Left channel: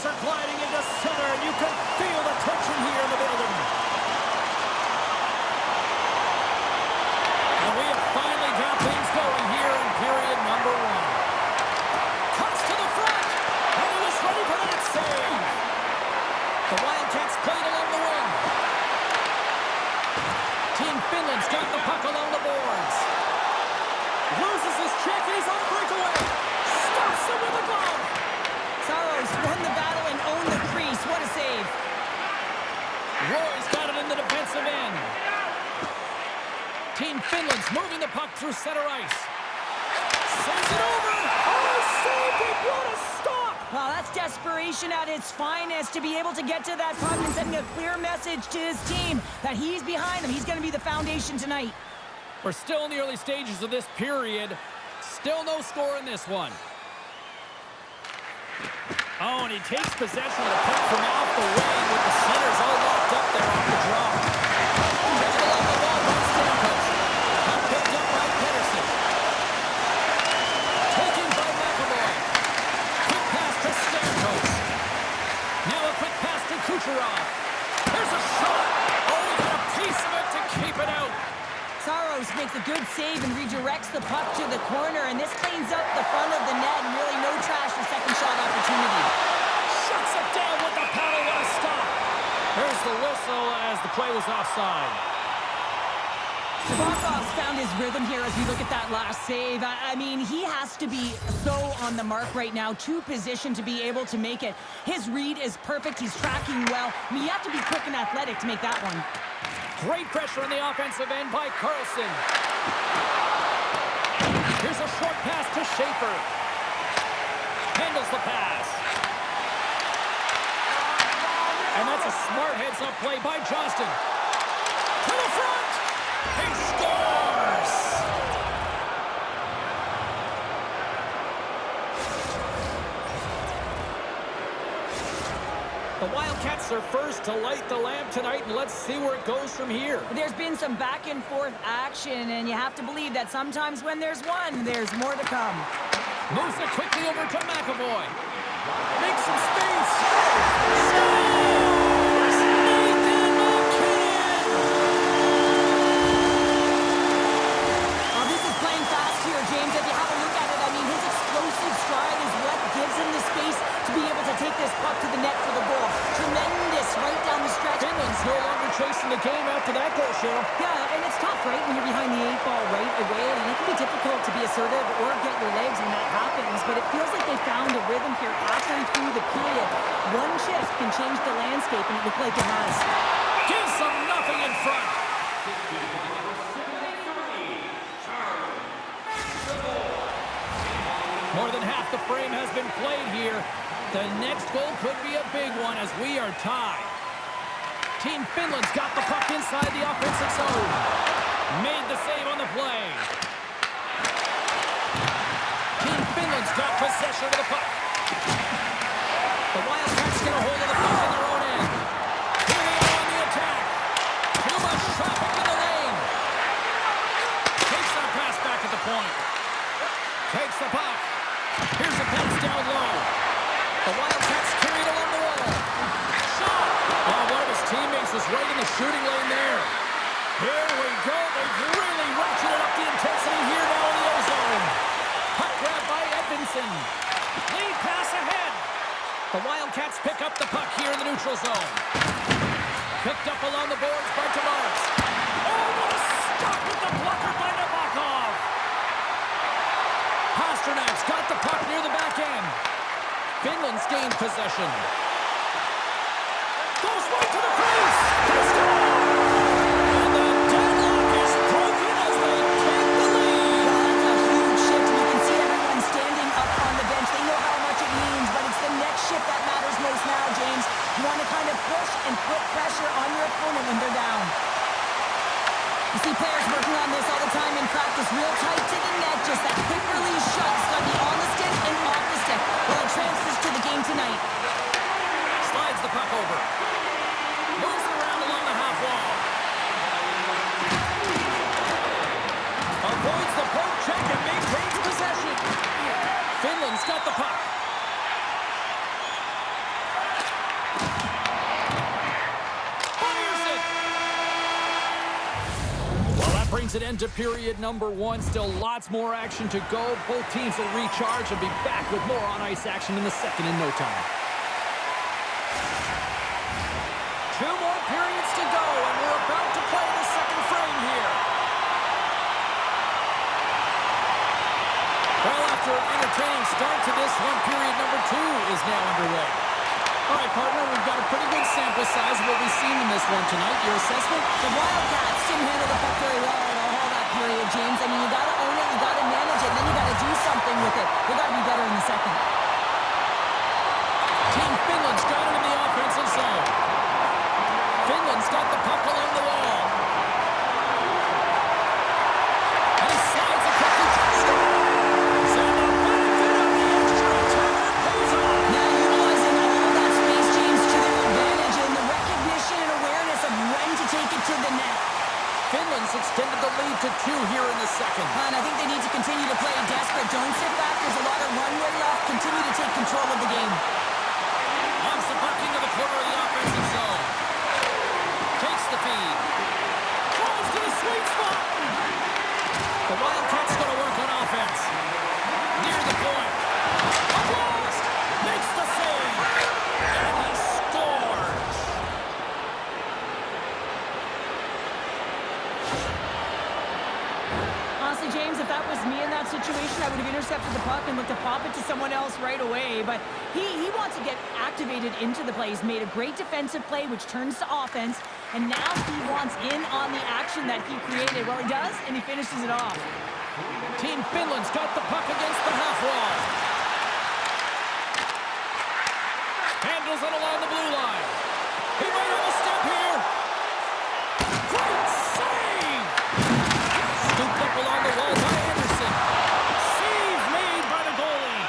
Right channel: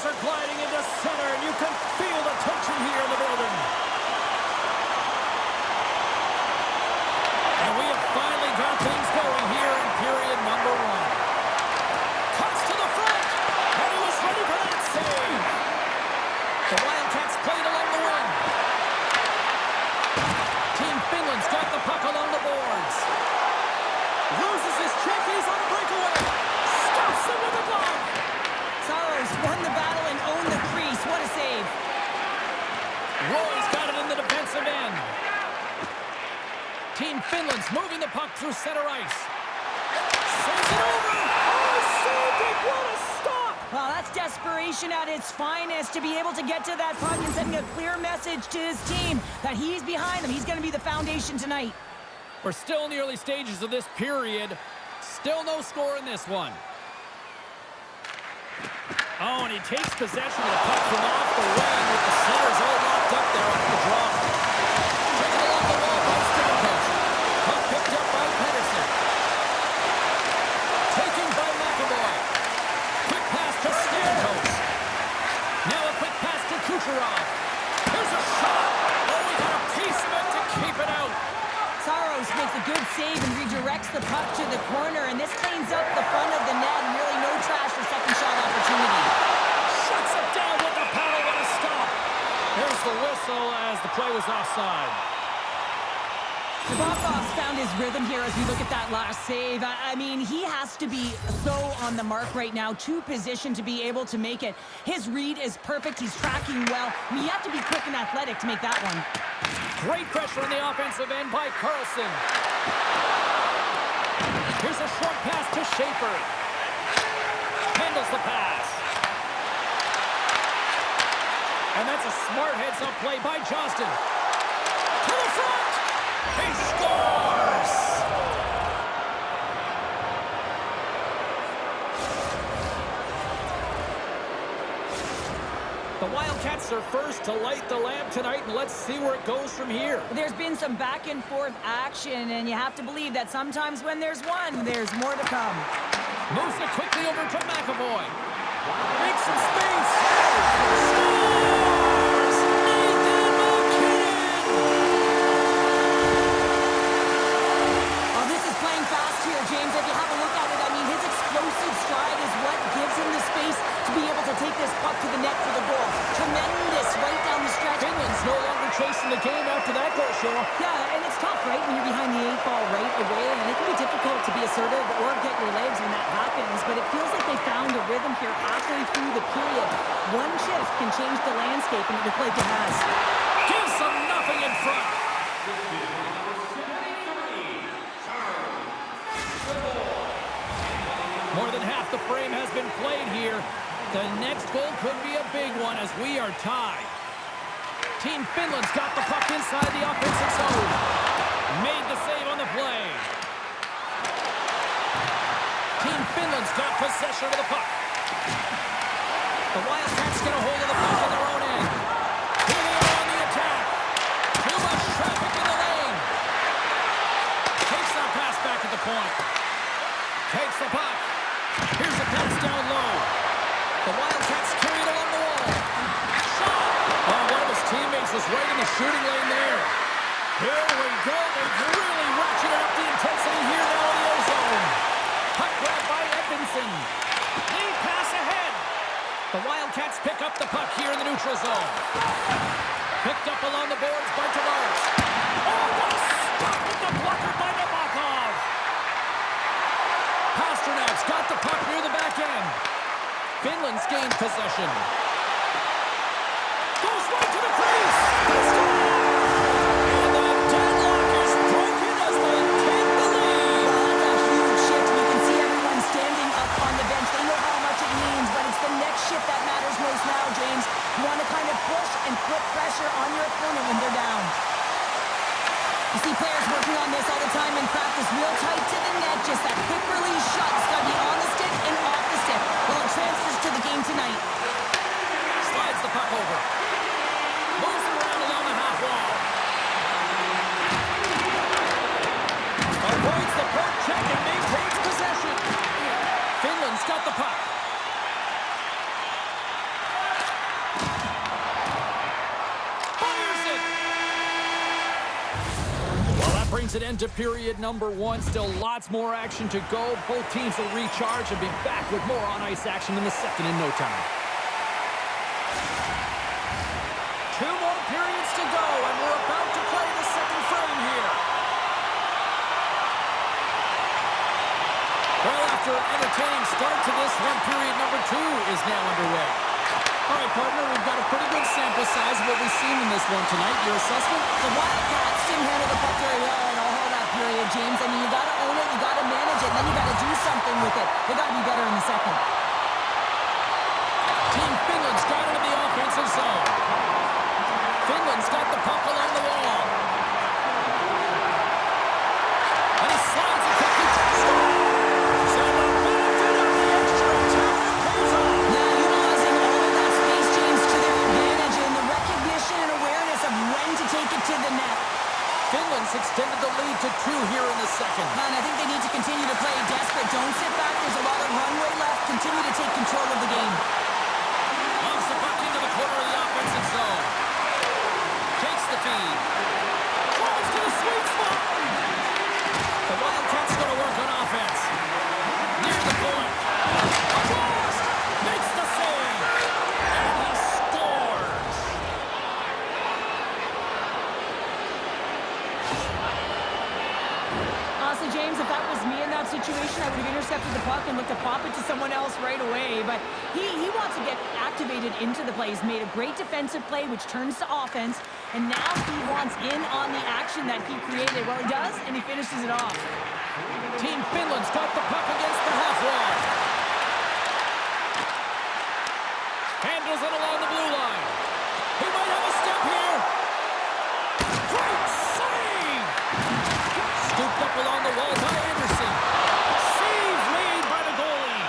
Stars are gliding into center, and you can feel the tension here in the building. And we have finally got things going here in period number one. Cuts to the front, and he was ready for that save. The Wildcats played along the wing. Team Finland's got the puck along the boards. Loses his check, and he's on a breakaway. Stops him with a glove. Saros won the battle and owned the crease. What a save. Roy's got it in the defensive end. Team Finland's moving the puck through center ice. Saves it over. Oh, saved it. What a stop. Well, that's desperation at its finest to be able to get to that puck and sending a clear message to his team that he's behind them. He's going to be the foundation tonight. We're still in the early stages of this period. Still no score in this one. Oh, and he takes possession of the puck from off the wing with the centers all locked up there off the draw. Taken along the wall by Stamkos. Puck picked up by Pedersen. Taken by McAvoy. Quick pass to Stamkos. Now a quick pass to Kucherov. Here's a shot. Oh, he got a piece of it to keep it out. Saros makes a good save and redirects the puck to the corner, and this cleans up the front of the net, and really no trash for second shot opportunity. Shuts it down with the paddle. What a stop. Here's the whistle as the play was offside. Nabokov's found his rhythm here as we look at that last save. I mean, he has to be so on the mark right now, to position to be able to make it. His read is perfect. He's tracking well. I mean, you have to be quick and athletic to make that one. Great pressure on the offensive end by Carlson. Here's a short pass to Schaefer. Handles the pass. And that's a smart heads-up play by Johnston. To the front! He scores! The Wildcats are first to light the lamp tonight, and let's see where it goes from here. There's been some back-and-forth action, and you have to believe that sometimes when there's one, there's more to come. Moves it quickly over to McAvoy. Makes some space. Scores! Nathan McKinnon! Oh, this is playing fast here, James. If you have a look at it, I mean, his explosive stride is what gives him the space to be able to take this puck to the net for the goal. Tremendous right down the stretch. Finland's no longer chasing the game after that goal, Cheryl. Yeah, and it's tough, right, when you're behind the 8-ball right away, and it can be difficult to be assertive or get your legs when that happens, but it feels like they found a rhythm here halfway through the period. One shift can change the landscape, and it looked like it has. Gives them nothing in front. More than half the frame has been played here. The next goal could be a big one as we are tied. Team Finland's got the puck inside the offensive zone. Made the save on the play. Team Finland's got possession of the puck. The Wildcats get a hold of the puck in their own end. Here they are on the attack. Too much traffic in the lane. Takes that pass back at the point. Takes the puck. Here's a pass down low. The Wildcats carry it along the wall. Shot! Oh, one of his teammates was right in the shooting lane there. Here we go. They've really ratcheted up the intensity here now in the O-zone. Puck grab by Edvinsson. Lead pass ahead. The Wildcats pick up the puck here in the neutral zone. Picked up along the boards by Tavares. Oh, what a stop with the blocker by Nabokov. Pasternak's got the puck near the back end. Finland's gained possession. Goes right to the crease. They score! And the deadlock is broken as they take the lead. Well, that's a huge shift, and you can see everyone standing up on the bench. They know how much it means, but it's the next shift that matters most now, James. You want to kind of push and put pressure on your opponent when they're down. You see players working on this all the time in practice, real tight to the net, just that quick release shot. It's got to be on the stick and off the stick. Well, it transfers to the game tonight. Slides the puck over. Moves it around along the half wall. Avoids the poke check and maintains possession. Finland's got the puck. brings an end to period number 1. Still lots more action to go. Both teams will recharge and be back with more on-ice action in the second in no time. 2 more periods to go, and we're about to play the second frame here. Well, after an entertaining start to this one, period number 2 is now underway. All right, partner, we've got a pretty good sample size of what we've seen in this one tonight. Your assessment? The Wildcats didn't handle the puck very well in all that period, James. I mean, you got to own it, you got to manage it, and then you got to do something with it. They got to be better in the second. Team Finland's got it in the offensive zone. Finland's got the puck along the wall. And he slides it quickly to the score. So the benefit of the extra attacker pays off. Yeah, utilizing all of that space, James, to their advantage and the recognition and awareness of when to take it to the net. Finland's extended the lead to 2 here in the second. And I think they need to continue to play desperate. Don't sit back. There's a lot of runway left. Continue to take control of the game. Loves the puck into the corner of the offensive zone. Takes the feed. Drives to the sweet spot. The Wildcats going to work on offense. Near the point. Across. Makes the save. And he scores. Honestly, James, if that was me in that situation, I would have intercepted the puck and looked to pop it to someone else right away. But he wants to get activated into the play. He's made a great defensive play, which turns to offense. And now he wants in on the action that he created. Well, he does, and he finishes it off. Team Finland's got the puck against the half wall. Handles it along the blue line. He might have a step here. Great save! Scooped up along the wall by Anderson. Save made by the goalie.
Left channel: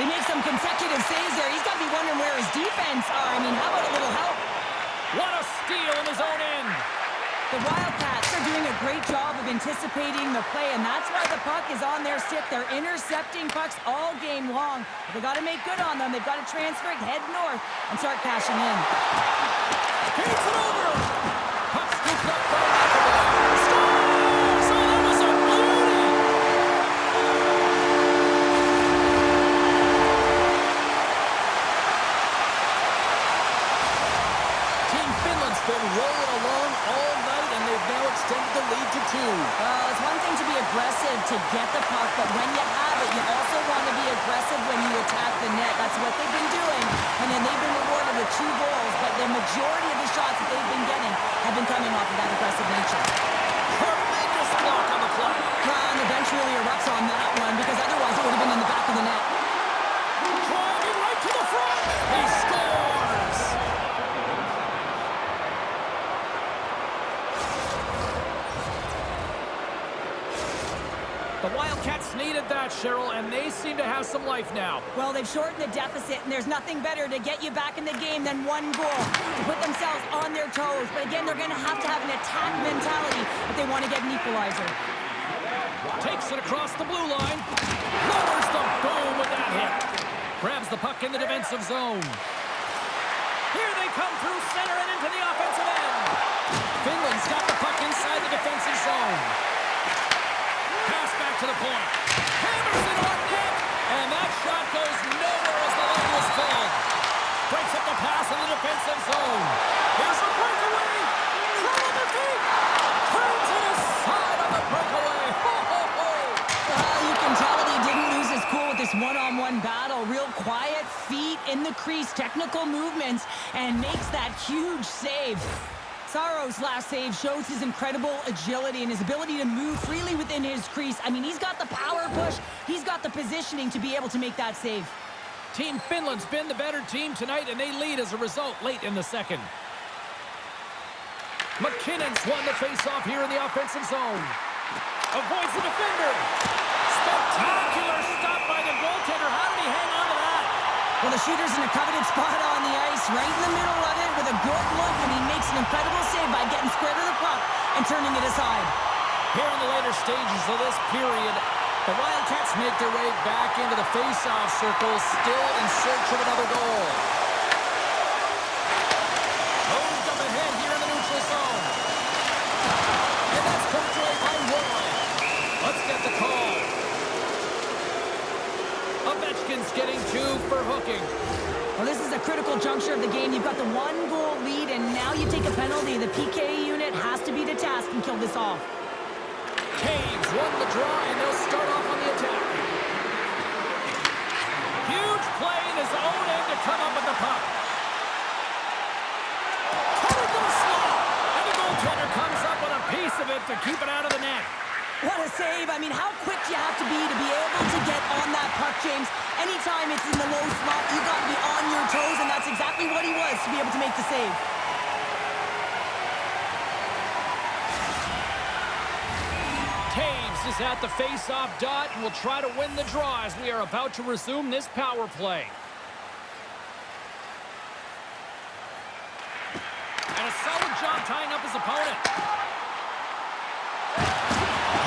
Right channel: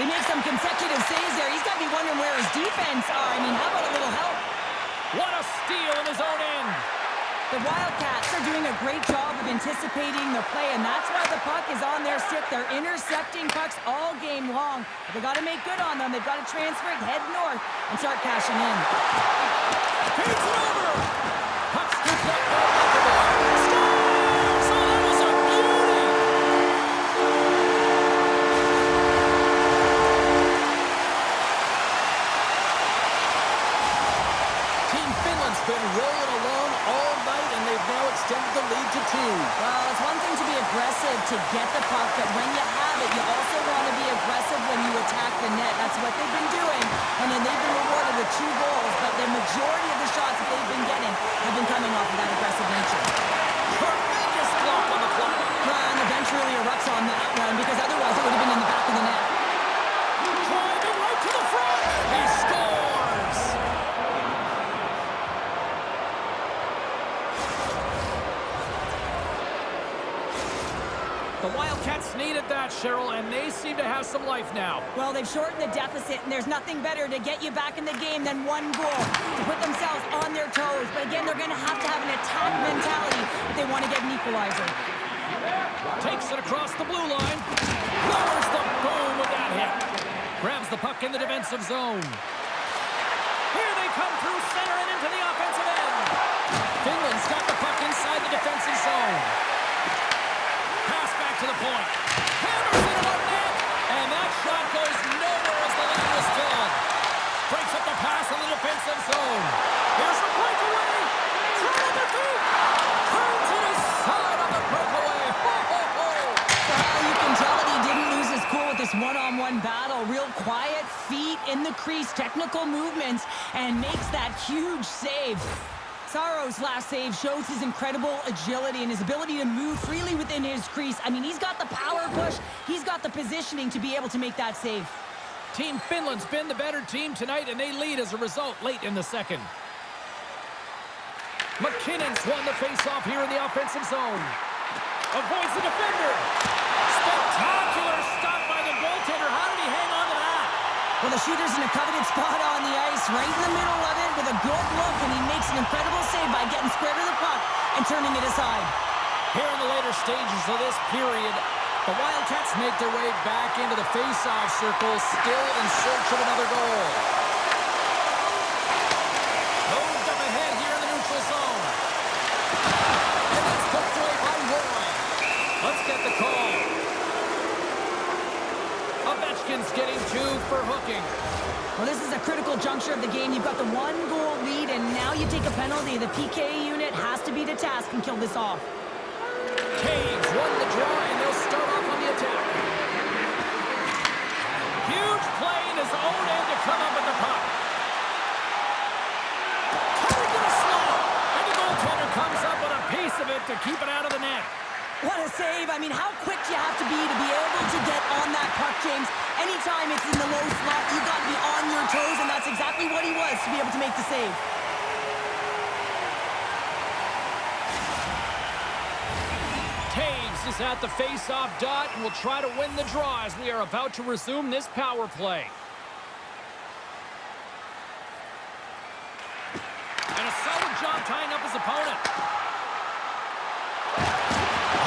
They make some consecutive saves there. He's got to be wondering where his defense are. I mean, how about a little help? What a steal in his own end. The Wildcats are doing a great job of anticipating the play, and that's why the puck is on their stick. They're intercepting pucks all game long. But they got to make good on them. They've got to transfer it, head north, and start cashing in. Feeds it over. Puck scooped up by McAvoy. Scores! Oh, that was a beauty! Team Finland's been rolling along all night, and they've now extended the lead to 2. Well, it's one thing to be aggressive to get the puck, but when you have it, you also want to be aggressive when you attack the net. That's what they've been doing, and then they've been rewarded with 2 goals, but the majority of the shots that they've been getting have been coming off of that aggressive nature. Tremendous block on the play. And the bench really erupts on that one, because otherwise it would have been in the back of the net. Driving right to the front. He scores. The Wildcats needed that, Cheryl, and they seem to have some life now. Well, they've shortened the deficit, and there's nothing better to get you back in the game than 1 goal to put themselves on their toes. But again, they're going to have an attack mentality if they want to get an equalizer. Takes it across the blue line. Lowers the boom with that hit. Grabs the puck in the defensive zone. Here they come through center and into the offensive end. Finland's got the puck inside the defensive zone. Pass back to the point. Hammers it on net. And that shot goes nowhere as the lane was filled. Breaks up the pass in the defensive zone. Here's the breakaway. Throw on their feet. Turns it aside on the breakaway. Ho, ho, ho. Well, you can tell that he didn't lose his cool with this one-on-one battle. Real quiet, feet in the crease, technical movements, and makes that huge save. Saro's last save shows his incredible agility and his ability to move freely within his crease. I mean, he's got the power push. He's got the positioning to be able to make that save. Team Finland's been the better team tonight, and they lead as a result late in the second. McKinnon's won the faceoff here in the offensive zone. Avoids the defender. Spectacular stop by the goaltender. How did he hang on to that? Well, the shooter's in a coveted spot on the ice, right in the middle of it with a good look, and he makes an incredible save by getting square to the puck and turning it aside. Here in the later stages of this period, the Wildcats make their way back into the face-off circle, still in search of another goal. Moved up ahead here in the neutral zone. And that's poked away by the call. Ovechkin's getting 2 for hooking. Well, this is a critical juncture of the game. You've got the 1-goal lead, and now you take a penalty. The PK unit has to be to task and kill this off. Taves won the draw, and they'll start off on the attack. Huge play in his own end to come up with the puck. Cutting to the slot, and the goaltender comes up with a piece of it to keep it out of the net. What a save. I mean, how quick do you have to be able to get on that puck, James? Anytime it's in the low slot, you got to be on your toes, and that's exactly what he was to be able to make the save. Taves is at the face-off dot and will try to win the draw as we are about to resume this power play. And a solid job tying up his opponent.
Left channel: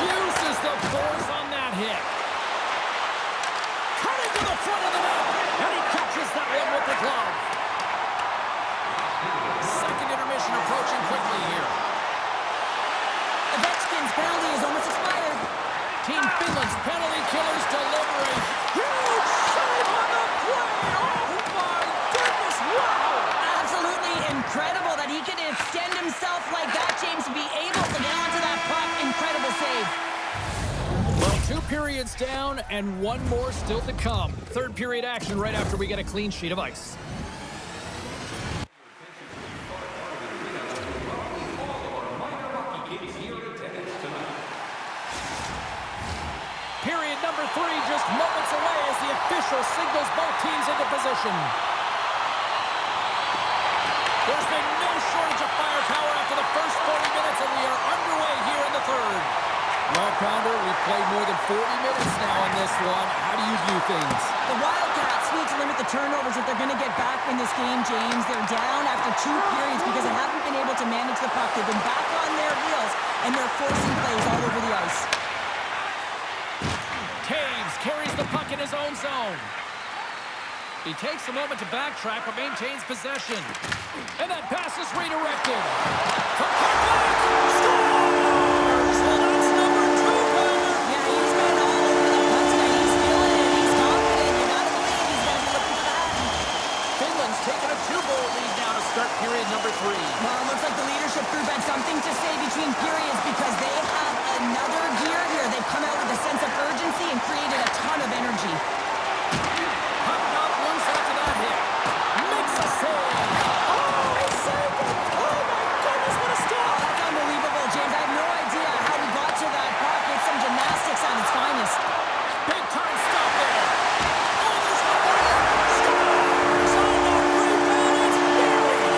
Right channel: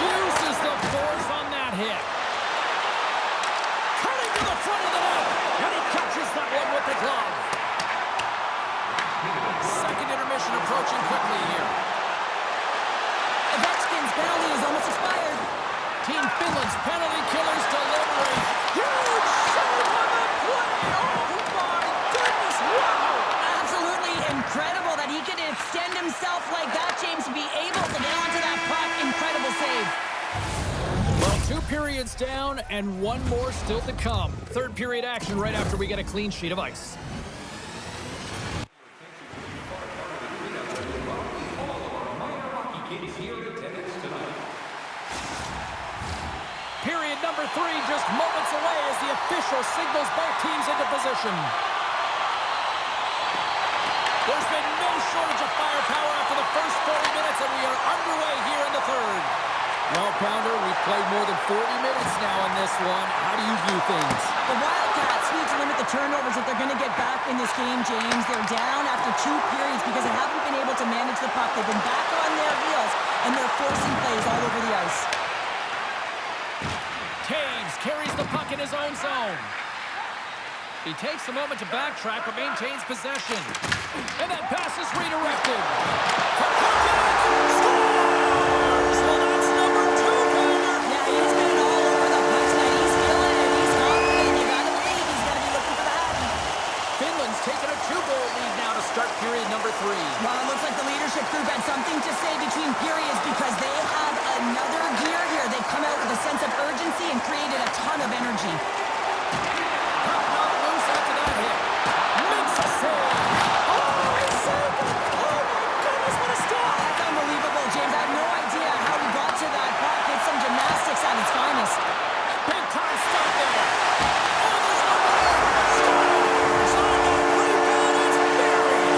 Uses the force on that hit. Cutting to the front of the net, and he catches that one with the glove. Second intermission approaching quickly here. Ovechkin's penalty is almost expired. Team Finland's penalty killers deliver a huge save on the play. Oh my goodness, wow! Absolutely incredible that he could extend himself like that, James, to be able to get onto that puck. Incredible save. Well, 2 periods down and 1 more still to come. Third period action right after we get a clean sheet of ice. Period number 3 just moments away as the official signals both teams into position. There's been no shortage of firepower after the first 40 minutes, and we are underway here in the third. Well, Pounder, we've played more than 40 minutes now in this one. How do you view things? The Wildcats need to limit the turnovers if they're going to get back in this game, James. They're down after 2 periods because they haven't been able to manage the puck. They've been back on their heels, and they're forcing plays all over the ice. Taves carries the puck in his own zone. He takes a moment to backtrack, but maintains possession. And that pass is redirected. From Parkland, scores! Well, that's number 2, Pounder. Yeah, he's been all over the puck tonight. He's feeling it. He's confident. You got to believe he's going to be looking for the hat. Finland's taken a 2-goal lead now to start period number 3. Well, it looks like the leadership group had something to say between periods because they have another gear here. They've come out with a sense of urgency and created a ton of energy. Puck knocked loose after that hit. Makes a save. Oh, he saved it. Oh, my goodness, what a stop. Oh, that's unbelievable, James. I have no idea how he got to that puck. It's some gymnastics at its finest. Big time stop there. Oh, there's one more. Scores on the rebound. It's buried.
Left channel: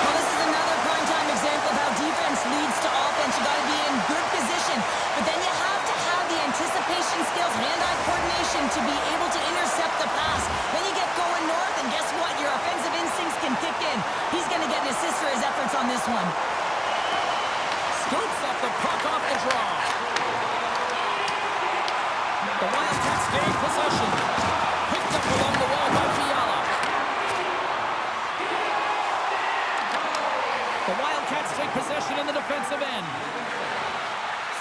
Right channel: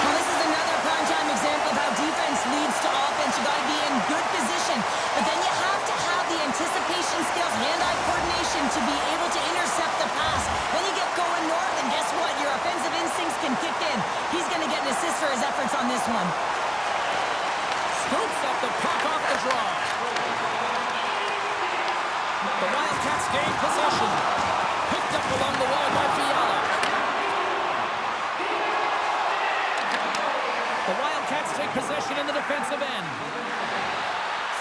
Well, this is another primetime example of how defense leads to offense. You got to be in good position, but then you have to have the anticipation skills, hand-eye coordination to be able to intercept the pass. Then you get going north, and guess what? Your offensive instincts can kick in. He's going to get an assist for his efforts on this one. Scoops up the puck off the draw. The Wildcats gain possession. Picked up along the wall by Fiala. The Wildcats take possession in the defensive end.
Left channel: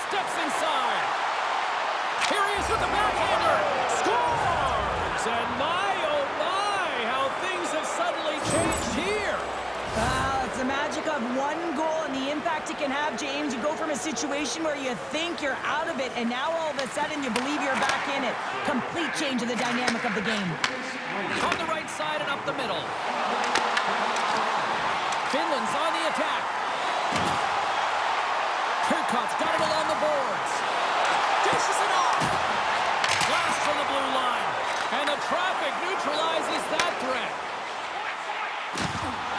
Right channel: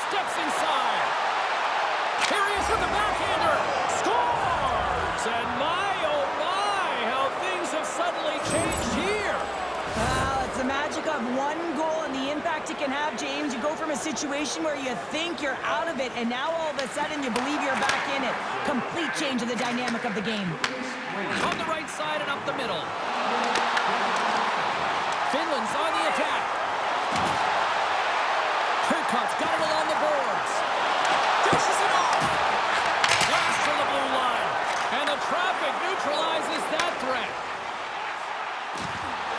Steps inside. Here he is with the backhander. Scores! And my, oh my, how things have suddenly changed here. Well, it's the magic of 1 goal and the impact it can have, James. You go from a situation where you think you're out of it, and now all of a sudden you believe you're back in it. Complete change of the dynamic of the game. On the right side and up the middle. Finland's on the attack. Turcotte's got it along the boards. Dishes it off. Blast from the blue line. And the traffic neutralizes that threat.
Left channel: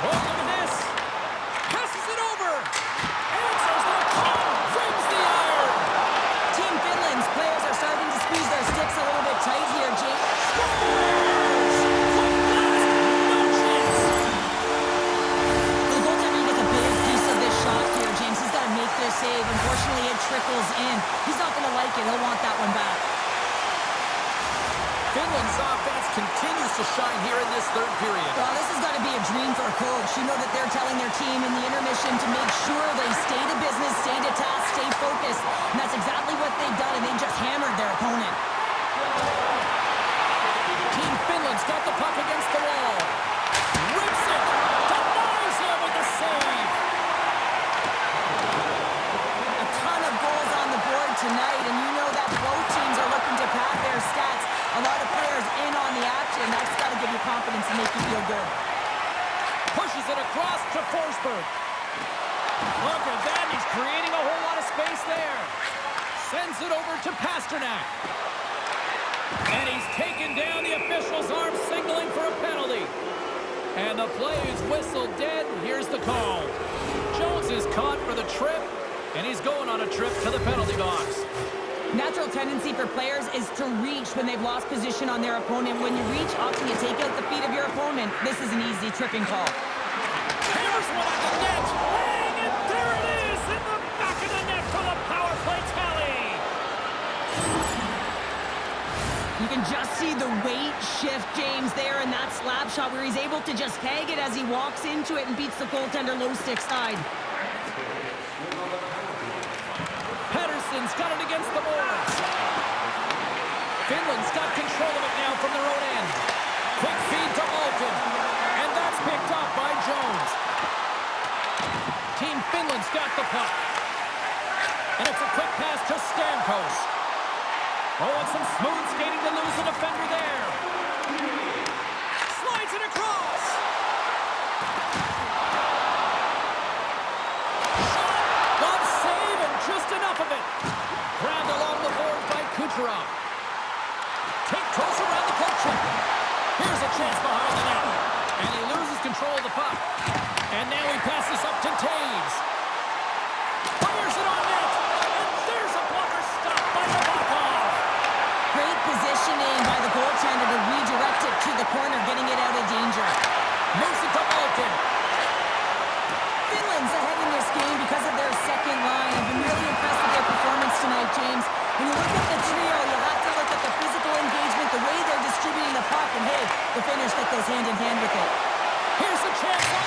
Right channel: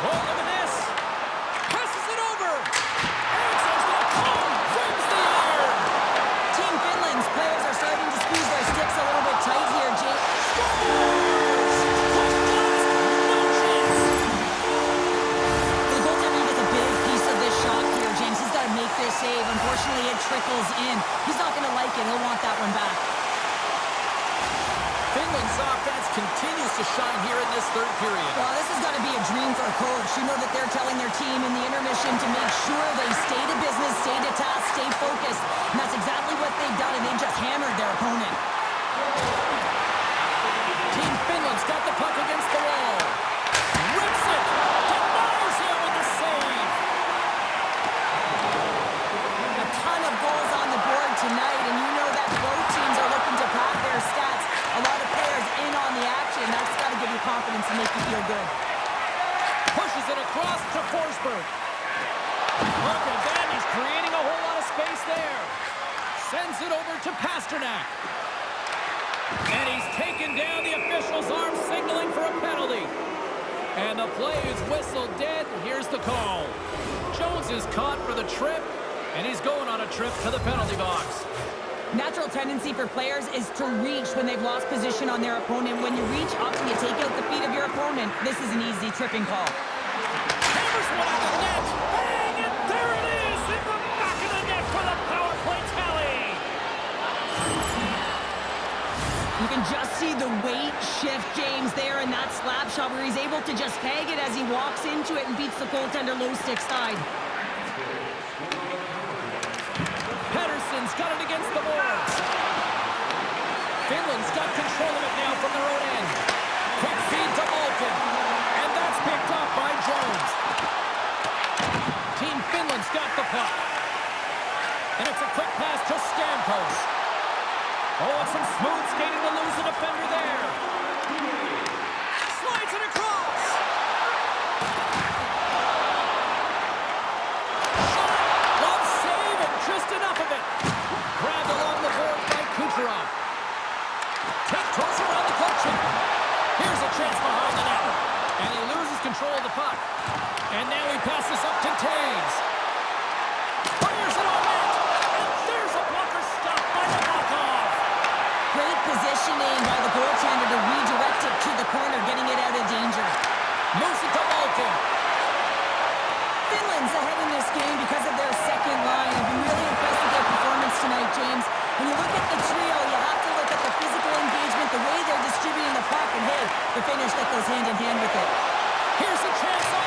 Oh, look at this. Passes it over. Answers the call. Brings the iron. Team Finland's players are starting to squeeze their sticks a little bit tight here, James. Scores! Quick blast. No chance. The goaltender gets a big piece of this shot here, James. He's got to make this save. Unfortunately, it trickles in. He's not going to like it. He'll want that one back. Finland's offense continues to shine here in this third period. Well, this has got to be a dream for a coach. You know that they're telling their team in the intermission to make sure they stay to business, stay to task, stay focused. And that's exactly what they've done, and they've just hammered their opponent. Team Finland's got the puck against the wall. Rips it. Denies him with the save. A ton of goals on the board tonight, and you know that both teams are looking to pad their stats. A lot of players in on the action. That's got to give you confidence and make you feel good. Pushes it across to Forsberg. Look at that. He's creating a whole lot of space there. Sends it over to Pasternak. And he's taken down. The official's arm signaling for a penalty. And the play is whistled dead. Here's the call. Jones is caught for the trip, and he's going on a trip to the penalty box. Natural tendency for players is to reach when they've lost position on their opponent. When you reach, often you take out the feet of your opponent. This is an easy tripping call. Hammers one at the net. Bang! And there it is in the back of the net for the power play tally. You can just see the weight shift, James, there in that slap shot where he's able to just tag it as he walks into it and beats the goaltender low stick side. Pettersson's got it against the boards. Finland's got control of it now from their own end. Quick feed to Malkin. And that's picked up by Jones. Team Finland's got the puck. And it's a quick pass to Stamkos. Oh, and some smooth skating to lose the defender there. Slides it across. Shot. Glove save and just enough of it. Grabbed along the board by Kucherov. Take toes around the poke check. Here's a chance behind the net. And he loses control of the puck. And now he passes up to Taves. Fires it on net. And there's a blocker stop by Nabokov. Great positioning by the goaltender to redirect it to the corner, getting it out of danger. Moves it to Malkin. Finland's ahead in this game because of their second line. I've been really impressed with their performance tonight, James. When you look at the trio, you have to look at the physical engagement, the way they're distributing the puck, and hey, the finish that goes hand in hand with it. Here's a chance on